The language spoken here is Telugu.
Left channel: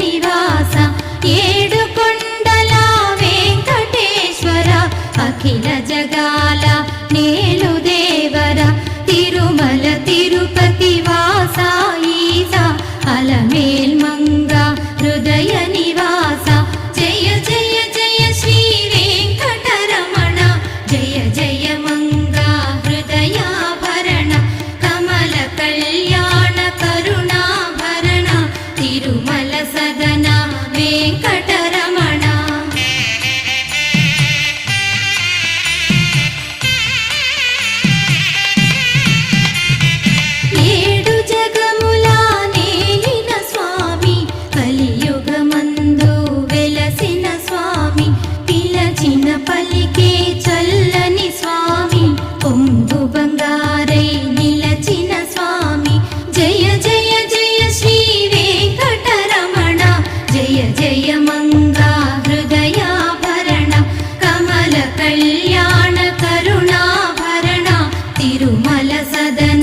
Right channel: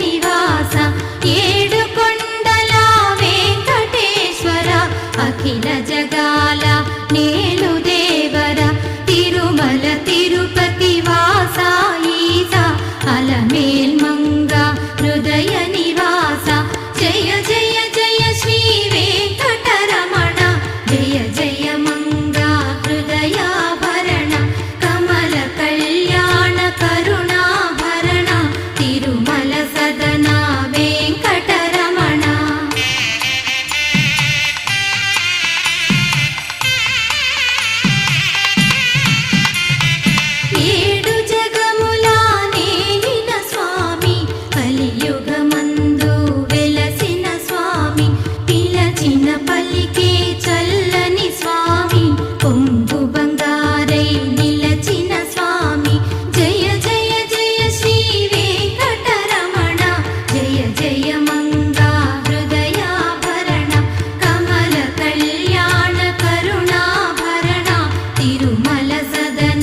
నివాస ఏడుకొండల వెంకటేశ్వర అఖిల జగాల నేలు దేవర తిరుమల తిరుపతి వాస ఈస అలమేల్ మంగ హృదయ నివాస జయ జయ జయ శ్రీ వెంకటరమణ జయ జయ మంగ హృదయాభరణ కమల కళ్యాణ కరుణాభరణ తిరుమల సదన వెంకటరమణ. ఏడు జగముల నేలిన స్వామి కలియుగమందు వెలసిన స్వామి పిలచిన పలికే చల్లని స్వామి పొంగు బంగారై నిలచిన స్వామి జయ జయ జయ శ్రీ వెంకటరమణ జయ జయ మంగా హృదయాభరణ కమల కళ్యాణ కరుణాభరణ తిరుమల సదన